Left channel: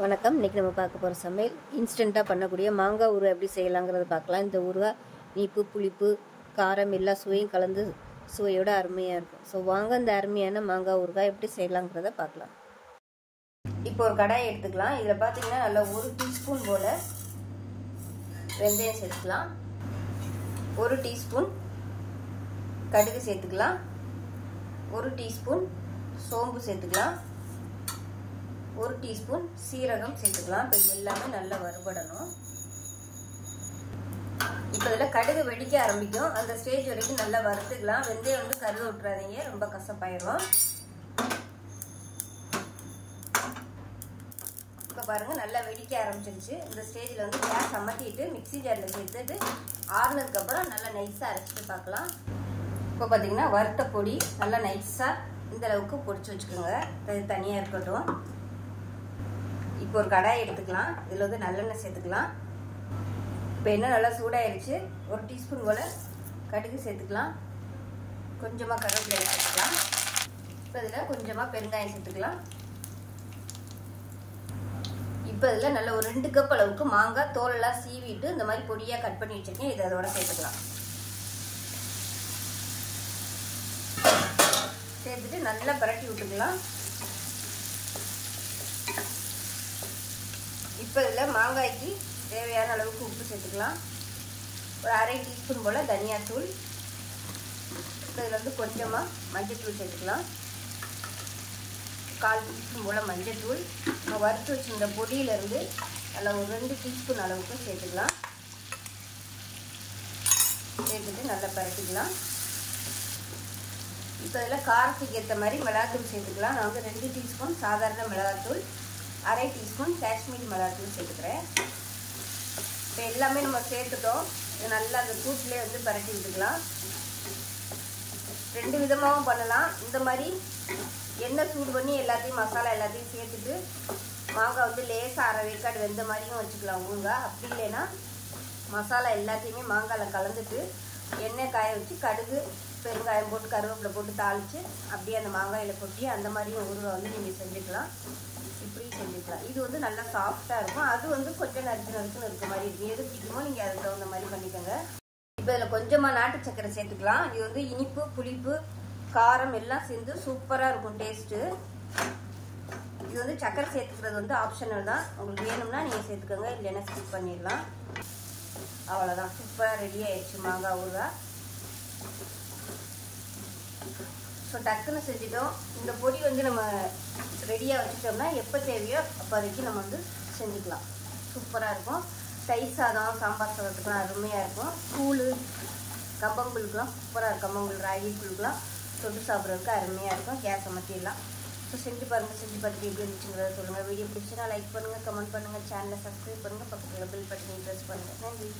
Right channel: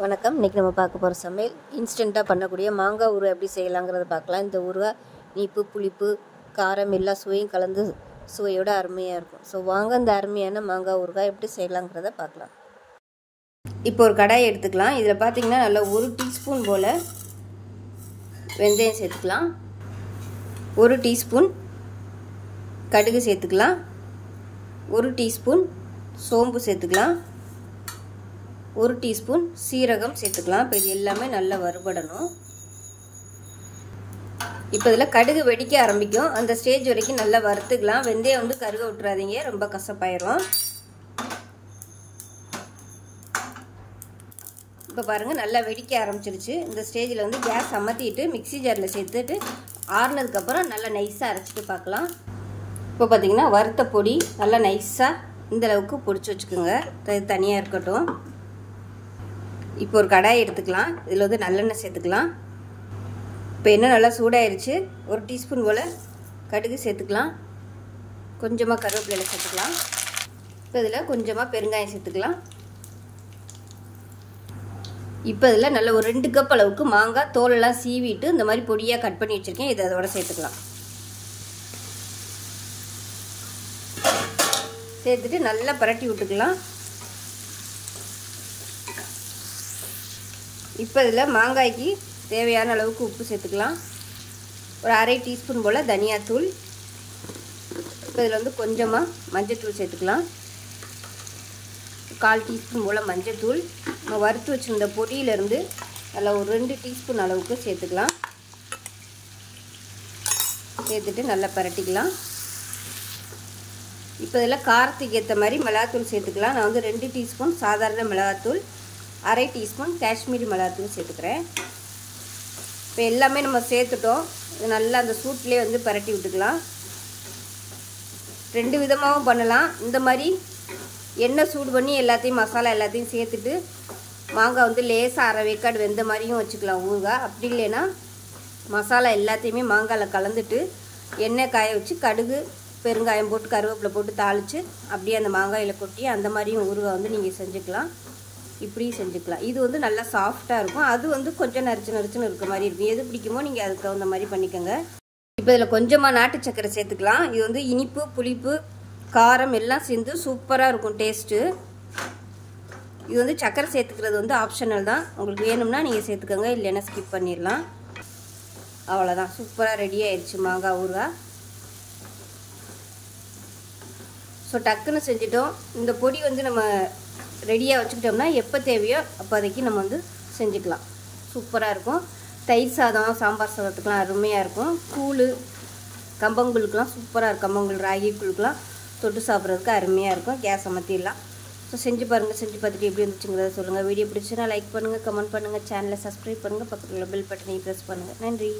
வணக்கம். இன்றைக்கி நம்ம பார்க்க போகிற சமையல் இன்ஸ்டண்ட்டாக பண்ணக்கூடிய மாங்காய் ஊறுகாய் எப்படி செய்யலாங்கிறத பார்க்கலாம். இந்த ஊறுகாய் இனிப்பு, புளிப்பு, காரம் எல்லா சுவையும் கலந்து சுவையோட அருமையாக இருக்கும். ஸோ வாங்க இந்த அருமையான மாங்காய் ஊறுகாய் எப்படி செய்யலாங்கிறத பார்க்கலாம். இப்போ ஒரு கடாயை எடுத்துக்கலாம். இதில் பார்த்தீங்கன்னா நல்லா 1 டீஸ்பூன் போல் வெந்தயம் சேர்த்துக்கலாம். 1 டீஸ்பூன் கடுகு சேர்த்துக்கலாம். 1 டீஸ்பூன் சோம்பு சேர்த்துக்கலாம். 1 டீஸ்பூன் சீரகம் சேர்த்துக்கலாம். இப்போ இது எல்லாமே நல்லா வறுபடணும். இப்போ இதில் கடுகு வெடிக்க ஆரம்பிக்கும். அந்த ஸ்டேஜ் வரைக்கும் நல்லா வறுத்துக்கலாம். வெந்தயம் வந்து கருக விட்டுறாதீங்க, ரொம்ப கசப்பாயிரும். இப்போ பாருங்கள் நல்லா வெடிக்க ஆரம்பிச்சிருச்சு. இந்த ஸ்டேஜில் வந்து கேஸ் அமர்த்திட்டு மிக்சி ஜாரில் சேர்த்துட்டு ஆறுனதுக்கப்புறம் நல்லா நைஸாக அரைச்சிட்டு பார்க்கலாம். இப்போ பார்த்தீங்கன்னா வறுத்த பொடி நல்லா நைஸாக இந்த அளவுக்கு பொடிச்சு வச்சுக்கோங்க. இது தனியாக இருக்கட்டும். இப்போ ஒரு கடாயை எடுத்துக்கலாம். இதில் வந்து நல்லெண்ணெய் சேர்த்துக்கலாம். இப்போ எண்ணெய் நல்லா சூடாயிருச்சு. 1 டீஸ்பூன் போல் கடுகு சேர்த்துக்கலாம். கொஞ்சமாக கருவேப்பிலை சேர்த்துக்கலாம். இப்போ இதில் கொஞ்சமாக பெருங்காயம் சேர்த்துக்கலாம். இப்போ இதில் நல்ல ஒரு 2 கப் அளவுக்கு மாங்காய் தோலெல்லாம் சீவிட்டு இந்த மாதிரி பொடியாக கட் பண்ணி வச்சுருக்கேன். இதை அதோட சேர்த்துக்கலாம். சேர்த்துட்டு நல்லா பரட்டி விட்டுக்கலாம். இப்போ இதில் மாங்காய்க்கு தேவையான அளவுக்கு உப்பு சேர்த்துக்கலாம். ஒரு 1/2 டீஸ்பூன் போல் தனியாத்தூள். இப்போ இதில் வந்து கொஞ்சமாக மஞ்சத்தூள் சேர்த்துக்கலாம். 1/4 டீஸ்பூன் போல் மஞ்சத்தூள். நம்ம வறுத்து வச்சுருந்த பொடியிலேருந்து நல்லா ஒரு 2 டீஸ்பூன் அளவுக்கு சேர்த்துக்கலாம். சேர்த்துட்டு நல்லா பரட்டிக்கலாம். இப்போ இதில் காரத்துக்கு ஏற்ற மாதிரி மிளகாத்தூள் சேர்த்துக்கலாம். நான் வந்து 2 டீஸ்பூன் சாதாரண மிளகாத்தூள், 1/2 டீஸ்பூன் காஷ்மீரி மிளகாத்தூள் சேர்த்துக்கிறேன். இப்போ எல்லாமே நம்ம சேர்த்துட்டோம். இது நல்லா அந்த சூட்லேயே வந்து பரட்டி விட்டுக்கலாம். 2 விதமாகவும் பண்ணலாம். இந்த மாதிரி எண்ணெய் சூடு பண்ணி எல்லாத்தையும் மசாலா எல்லாத்தையும் சேர்த்துட்டு மாங்காய் வந்து லேசாக அரை வேக்காடு வெந்த மாதிரியும் வச்சுக்கலாம் ஊறுகாய். அப்படி இல்லைன்னா மசாலா எல்லாத்தையுமே மாங்காயில் கலந்துட்டு எண்ணெய் காய வச்சு கடுகு பெருங்காயம் போட்டு கருவேப்பிலை போட்டு தாளித்து அப்படியே அந்த மாங்காயில் கொட்டி அந்த மாதிரியும் ஊறுகாய் வந்து நீங்கள் செஞ்சுக்கலாம். இப்படியும் செஞ்சுக்கலாம். இது வந்து நல்லா சாஃப்டாக இருக்கும். அது வந்து கொஞ்சம் நரிச்சுன்னு இருக்க மாதிரி இருக்கும். எது பிடிக்குமோ நீங்கள் அதுக்கு தகுந்த மாதிரி பண்ணிக்கோங்க. இப்போ இதில் கொஞ்சமாக நாட்டு சக்கரை சேர்த்துக்கலாம். இது வந்து இனிப்பு, புளிப்பு, காரம் எல்லாம் சேர்ந்து சூப்பராக இருக்கும் டேஸ்ட்டு. இது வந்து சக்கரை சேர்த்துக்கிறது வந்து ஆப்ஷனல் தான். உங்களுக்கு வேணும்னா நீங்கள் சேர்த்துக்கோங்க, இல்லைன்னா ஸ்கிப் பண்ணிடலாம். அவ்வளோதான், சூப்பராக ரெடி ஆயிடுச்சு மாங்காய் ஊறுகாய். ஸோ டக்குன்னு செஞ்சிட்டோம். இந்த பொடி வந்து நம்ம ரெடியாக வச்சுக்கிட்டோம்னா எப்போ தேவையோ அப்போதைக்கு நம்ம வந்து செஞ்சுக்கலாம். சூப்பராக இருக்கும். தயிர் சாதம், சாம்பார் சாதத்துக்கெலாம் அருமையாக இருக்கும். கூழ், கம்பங்கூழுக்கெலாம் சூப்பராக இருக்கும். கம்பங்கூழ், ராகி கூழுக்கெலாம் தொட்டு சாப்பிட்றதுக்கு அருமையாக இருக்கும். கேஸ் அமர்த்திடலாம். ஸோ செஞ்சு பாருங்கள். செஞ்சு பார்த்துட்டு எப்படி இருந்துச்சுங்கிறத சொல்லுங்கள். வீடியோ பிடிச்சுன்னா லைக் பண்ணுங்கள், கமெண்ட் பண்ணுங்கள், சேனலை சப்ஸ்கிரைப் பண்ணுங்கள், பக்கத்தில் உள்ள பெல் பட்டனை ப்ரெஸ் பண்ணுங்கள். நன்றி.